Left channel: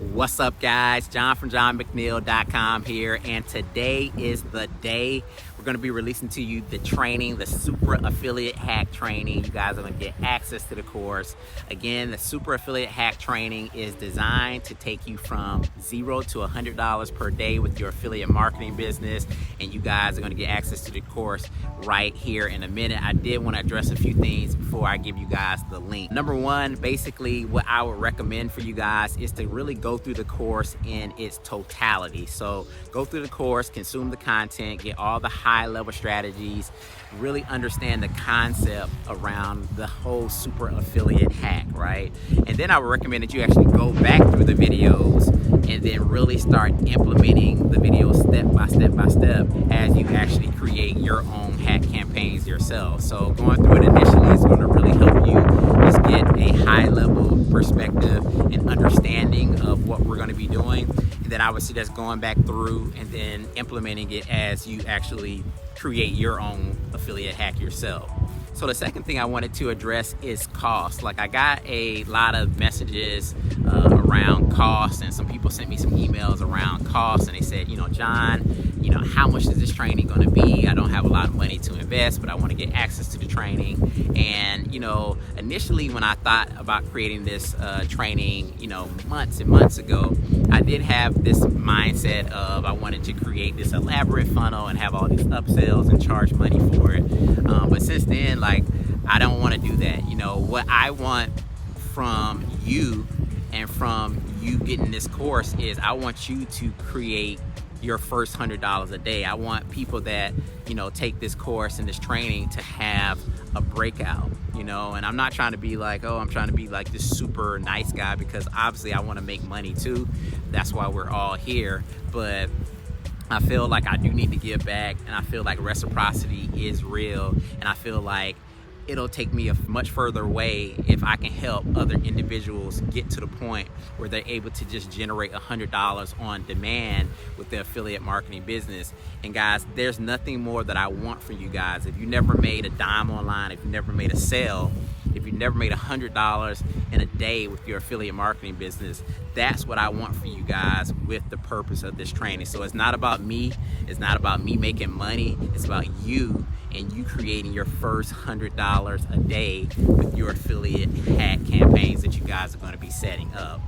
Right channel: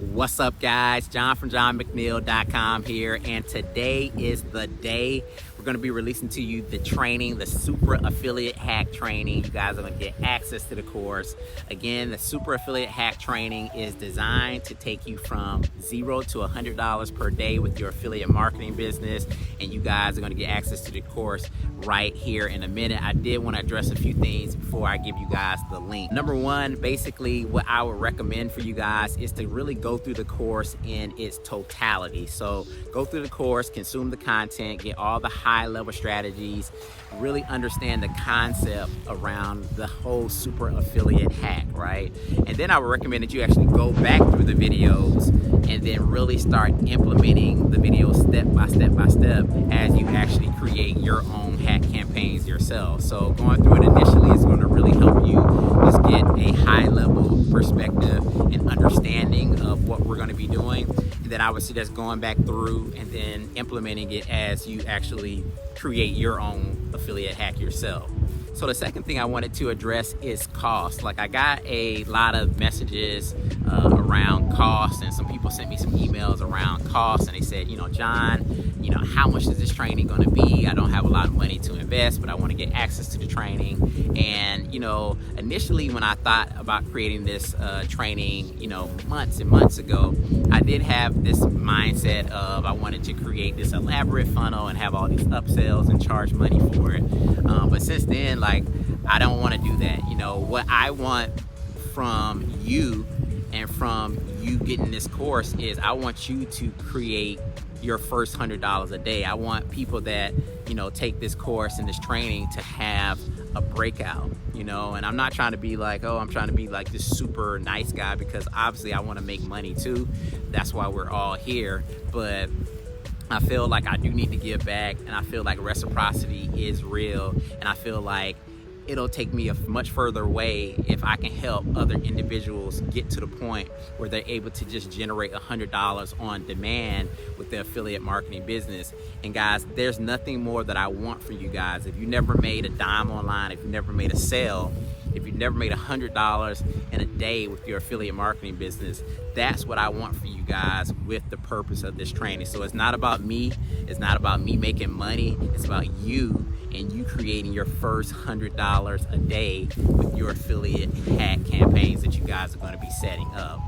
What's up, guys? John from JohnMcNeil.com here, and today is the day we're going to be releasing to you the training, the Super Affiliate Hack Training. You guys are going to get access to the course. Again, the Super Affiliate Hack Training is designed to take you from $0 to $100 per day with your affiliate marketing business, and you guys are going to get access to the course right here in a minute. I did want to address a few things before I give you guys the link. Number one, basically what I would recommend for you guys is to really go through the course in its totality. So go through the course, consume the content, get all the high level strategies, really understand the concept around the whole super affiliate hack, right? And then I would recommend that you actually go back through the videos and then really start implementing the videos step by step by step as you actually create your own hack campaigns yourself. So going through it initially is going to really help you just get a high level perspective and understanding of what we're going to be doing. And then I would suggest going back through and then implementing it as you actually create your own affiliate hack yourself. So the second thing I wanted to address is cost. Like, I got a lot of messages around cost, and some people sent me some emails around cost, and they said, John, how much is this training going to be? I don't have a lot of money to invest, but I want to get access to the training. And initially when I thought about creating this training, months and months ago, I did have this mindset of I wanted to create this elaborate funnel and have all these upsells and charge money for it. But since then, I don't want to do that. What I want from you and from you getting this course is I want you to create your first $100 a day. I want people that, take this course and this training to have a breakout, and I'm not trying to be like, I'm trying to be like this super nice guy, because obviously I want to make money too. That's why we're all here. But I feel like I do need to give back, and I feel like reciprocity is real, and I feel like it'll take me a much further way if I can help other individuals get to the point where they're able to just generate $100 on demand with their affiliate marketing business. And guys, there's nothing more that I want from you guys. If you never made a dime online, if you never made a sale, if you never made $100 in a day with your affiliate marketing business, that's what I want for you guys with the purpose of this training. So it's not about me. It's not about me making money. It's about you and you creating your first $100 a day with your affiliate hack campaigns that you guys are going to be setting up.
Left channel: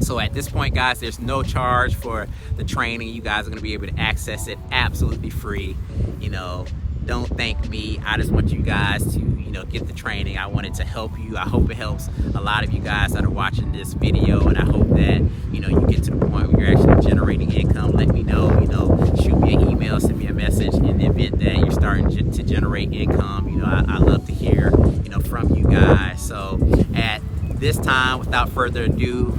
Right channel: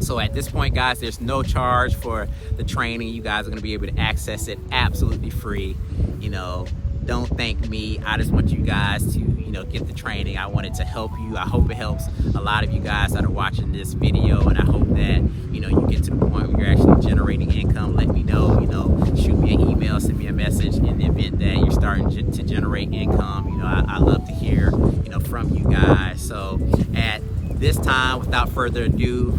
So at this point, guys, there's no charge for the training. You guys are going to be able to access it absolutely free. Don't thank me. I just want you guys to, get the training. I want it to help you. I hope it helps a lot of you guys that are watching this video, and I hope that, you get to the point where you're actually generating income. Let me know, shoot me an email, send me a message in the event that you're starting to generate income. I love to hear, from you guys. So at this time, without further ado,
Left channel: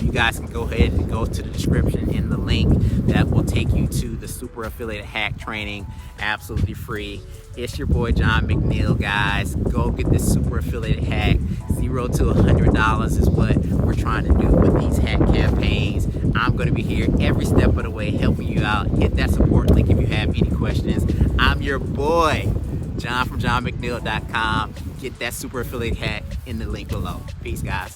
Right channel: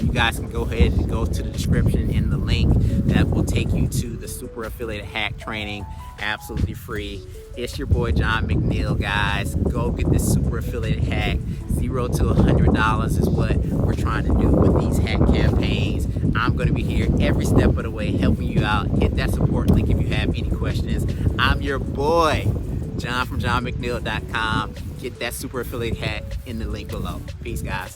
you guys can go ahead and go to the description in the link that will take you to the Super Affiliate Hack Training, absolutely free. It's your boy John McNeil, guys. Go get this Super Affiliate Hack. $0 to $100 is what we're trying to do with these hack campaigns. I'm going to be here every step of the way helping you out. Hit that support link if you have any questions. I'm your boy, John from JohnMcNeil.com. Get that Super Affiliate Hack in the link below. Peace, guys.